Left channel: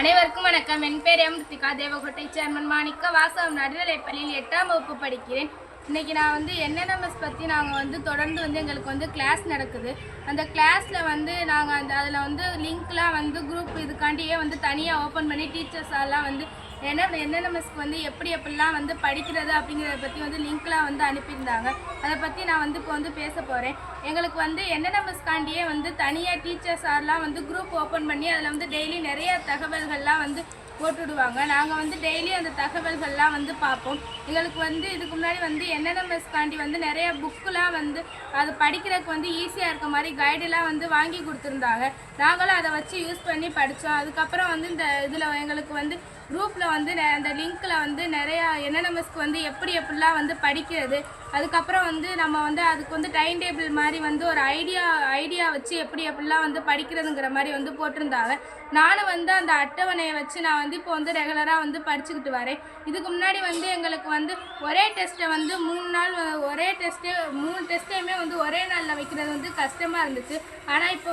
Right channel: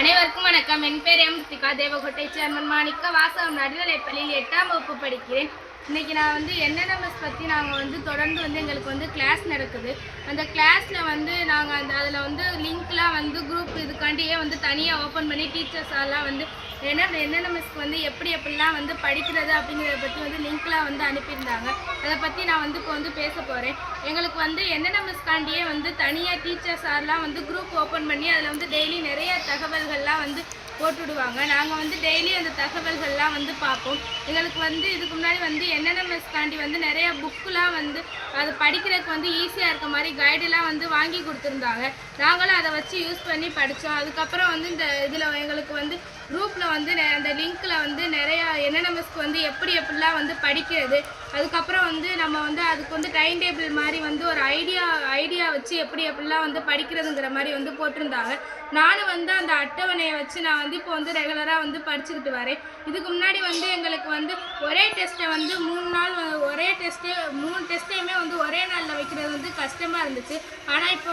அனைவருக்கும் வணக்கம். என் பேர் எம் ரித்திகா. தேவகோட்டை சேர்மன் மாணிக்க வாசகம் நடுநிலைப்பள்ளியில் 8ஆம் வகுப்பு படிக்கிறேன். இன்றைக்கி நான் என்என்எம்எஸ் பற்றி நாங்கள் தொடர்ந்து எங்களுக்கு கிளாஸ் நடக்குது. அந்த கிளாஸில் நாங்கள் அதில் லிங்க்லாம் குரூப் இதுக்காண்டியே தனியாக ஓப்பன் பண்ணி டீச்சர்ஸ் எல்லாம் என்என்எம்எஸ்க்கு எப்படிலாம் படிக்கிறது அப்படிங்கிறத பற்றி லிங்க்லாம் அனுப்பியிருந்தாங்க. அதை பற்றி நான் இப்போ பேச போகிறேன். எங்களுக்கு என்என்எம்எஸ்காண்டியே தனியாக டீச்சர்ஸ் எல்லாம் குரூப் ஓப்பன் பண்ணி அதில் டெய்லி நிறைய தகவல்கள்லாம் போட்டுவிடுவாங்க. நாங்கள் டெய்லி அந்த தகவல்கள்லாம் பார்ப்போம். எங்களுக்கு இதுக்கு முன்னாடி என்என்எம்எஸ்காண்டி நிறைய புக்குலாம் அது படிக்கிறதுக்கு ஈஸியாக இருக்க மாதிரி கைடெலாம் வாங்கி கொடுத்துருந்தாங்க. நாங்களும் அதை வச்சு யூஸ் பண்ணி படித்தோம். அதுக்கப்புறம் இந்த இதில் எங்களுக்கு குரூப்பில் அந்த லிங்க்கில் நிறையா என்என்எம்எஸ்க்கு எப்படிலாம் படிக்கிறது, அதுக்கப்புறம் நம்ம அதுக்கு டைம் டேபிள் மாதிரி ஒரு ஐடியா வச்சு எப்படிலாம் படிக்கிறதுங்கிற மாதிரி போட்டிருந்தாங்க. நானும் அந்த அட்டவணையை வச்சு நான் இப்போ ரெகுலராக படிச்சுக்கிட்டு வரேன். இதுக்கு முன்னாடி எங்களுக்கு ஒரே டெஸ்ட்டை 3 நாள் ஒரே டெஸ்ட்டு 3 டெஸ்ட்டையுமே ஒரே நாளில் வைக்கிறது கஷ்டமாக இருந்துச்சு. ஆனால் இப்போ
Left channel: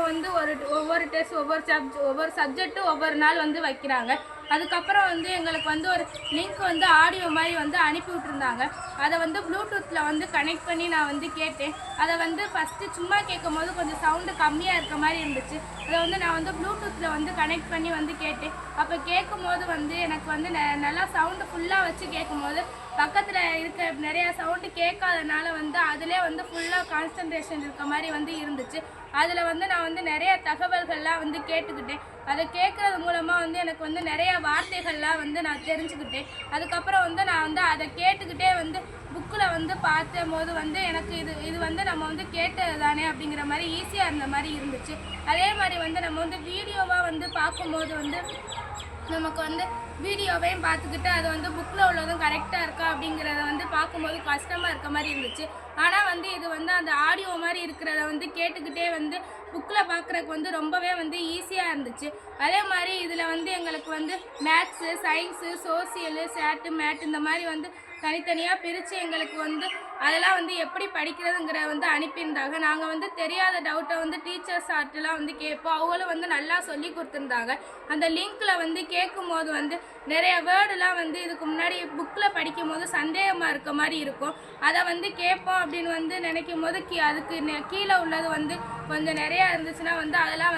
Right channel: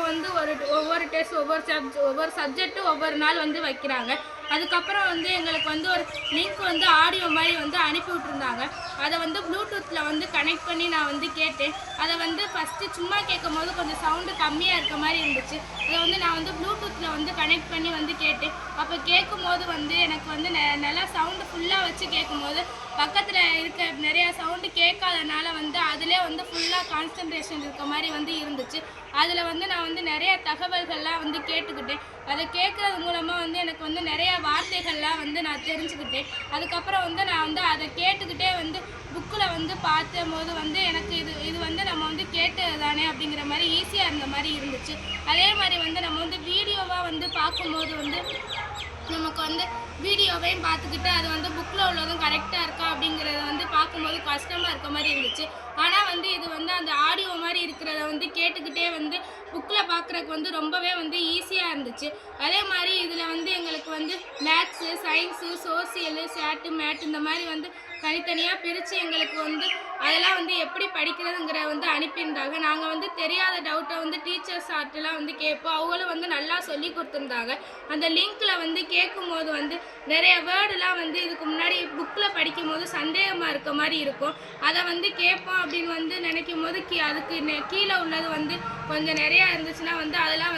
ஒவ்வொரு டெஸ்ட் ஒவ்வொரு சப்ஜெக்ட்டும் ஒவ்வொரு நாள் வைக்கிறாங்க. அதுக்கப்புறம் எங்களுக்கு ஒரு லிங்க் ஆடியோ மாதிரி அனுப்பி விட்டுருந்தாங்க. அதை ப்ளூடூத்தில் கனெக்ட் பண்ணி நான் கேட்டேன். அதை ஃபஸ்ட்டு சும்மா கேட்கும் போது கொஞ்சம் சவுண்டு கம்மியாக இருக்க மாதிரி இருந்துச்சு. அதை நான் ப்ளூடூத்தில் கனெக்ட் பண்ணி கேட்டேன். அப்போ கேட்கும் போது எனக்கு நல்லா சவுண்டு ஃபுல்லாக வச்சு கேட்கும்போது பக்கத்தில் இருக்க நிறையா சவுண்டு கேட்காதனால அதிலே ஃபுல்லாக கான்சன்ட்ரேஷன் இருக்க மாதிரி இருந்துச்சு. அதில் நான் நிறையா தகவல்கள்லாம் கேட்டுக்கிட்டேன். அதை கேட்குறது மூலமாக எனக்கு நிறையா வார்த்தைகள்லாம் நான் தெரிஞ்சுக்கிட்டேன். அதுக்கப்புறம் நான் அதை கேட்டுக்கிட்டே புக்கில் பார்த்த போது எனக்கு இது நம்ம கேட்டது தானே அப்படிங்கிற மாதிரி ஈஸியாக இருந்த மாதிரி இருந்துச்சு. அதே மாதிரி நம்ம வீடியோவாக பார்க்கும்போது நமக்கு வீடியோவையும் பார்த்துக்கிட்டு அது புக்கில் உள்ளதும் கரெக்டாக இருக்கா அப்படிங்கிறத பார்க்கும்போது கஷ்டமாக இருக்க மாதிரி இருந்துச்சு. ஆனால் இது அந்த ஆடியோ மாதிரி இருக்கிறத கேட்டுக்கிட்டே புக்கில் பார்க்குறதுக்கு ரொம்பவே ஈஸியாக இருந்துச்சு. அதே மாதிரி இதில் எங்களுக்கு மேத்ஸு, சயின்ஸு, சோசியலு, சேட்டு, மேட் இந்த மாதிரி தனித்தனியாக பிரித்து எங்களுக்கு அதெல்லாம் எப்படி படிக்கிறதுங்கிற அனுப்பியிருந்தாங்க. நாங்கள் தெரியாத டவுட்டை டீச்சர்ஸ் ஆர்ட்டெலாம் கேட்போம். அவங்களும் நல்லா சொல்லி கொடுத்துருந்தாங்க. அந்த லிங்க்கில் கேட்கும் போது நிறைய வேர்டுலாம் இதுக்கு முன்னாடி புக்கில் படிக்கும் போது சந்தேகமாக இருக்க மாதிரி இருக்கும். அதை கேட்போம் அப்படின்னு நினைக்கும் போது அதுக்கு கீழே உள்ளது கொஞ்சம் நிறையா இருந்துச்சுன்னா அதெல்லாம்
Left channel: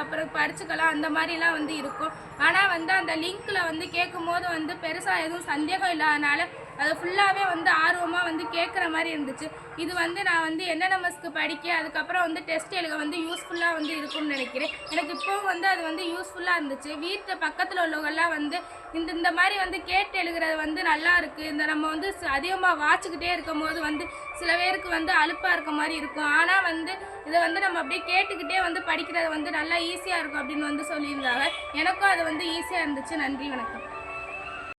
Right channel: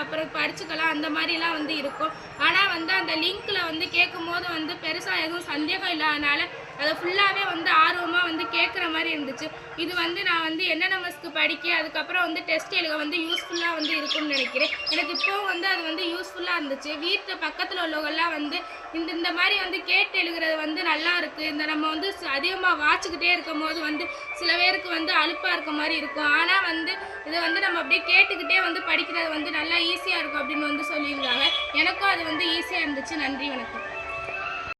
அப்புறம் படிச்சுக்கலாம் அந்த மாதிரிலாம் இருக்கும். ஆனால் அந்த லிங்க்கில் கேட்கும் போது பெருசாக எதுவும் சந்தேகம் இல்லாதனால அதை ஃபுல்லாகவே ஆர்வமாக கேட்குற மாதிரி இருந்துச்சு. இது நான் என்என்எம்எஸ்க்கு படிக்க அதுக்கப்புறம் டெஸ்ட் எழுத யூஸ்ஃபுல்லாக இருக்கும்னு நினைக்கிறேன். எனக்கு இப்போவும் அது யூஸ்ஃபுல்லாக இருந்துச்சு. வீட்டு பக்கத்தில் உள்ளவங்கெல்லாம் இந்த மாதிரி கேட்டு எழுதுறது நல்லா இருக்குது. இந்த நம்ம அதிகமாக வாட்சிக்கிட்டே இருக்கும் போது சில பேருக்கு அலுப்பாக இருக்க மாதிரி இருக்கும். ஆனால் இதை நம்ம அப்படியே கேட்டுக்கிட்டே படிக்கிறது நல்லா ஈஸியாக இருக்கும் அப்படின்னு சொல்லியிருந்தாங்க. எனக்கும் அது ஈஸியாக இருந்துச்சு. நன்றி, வணக்கம்.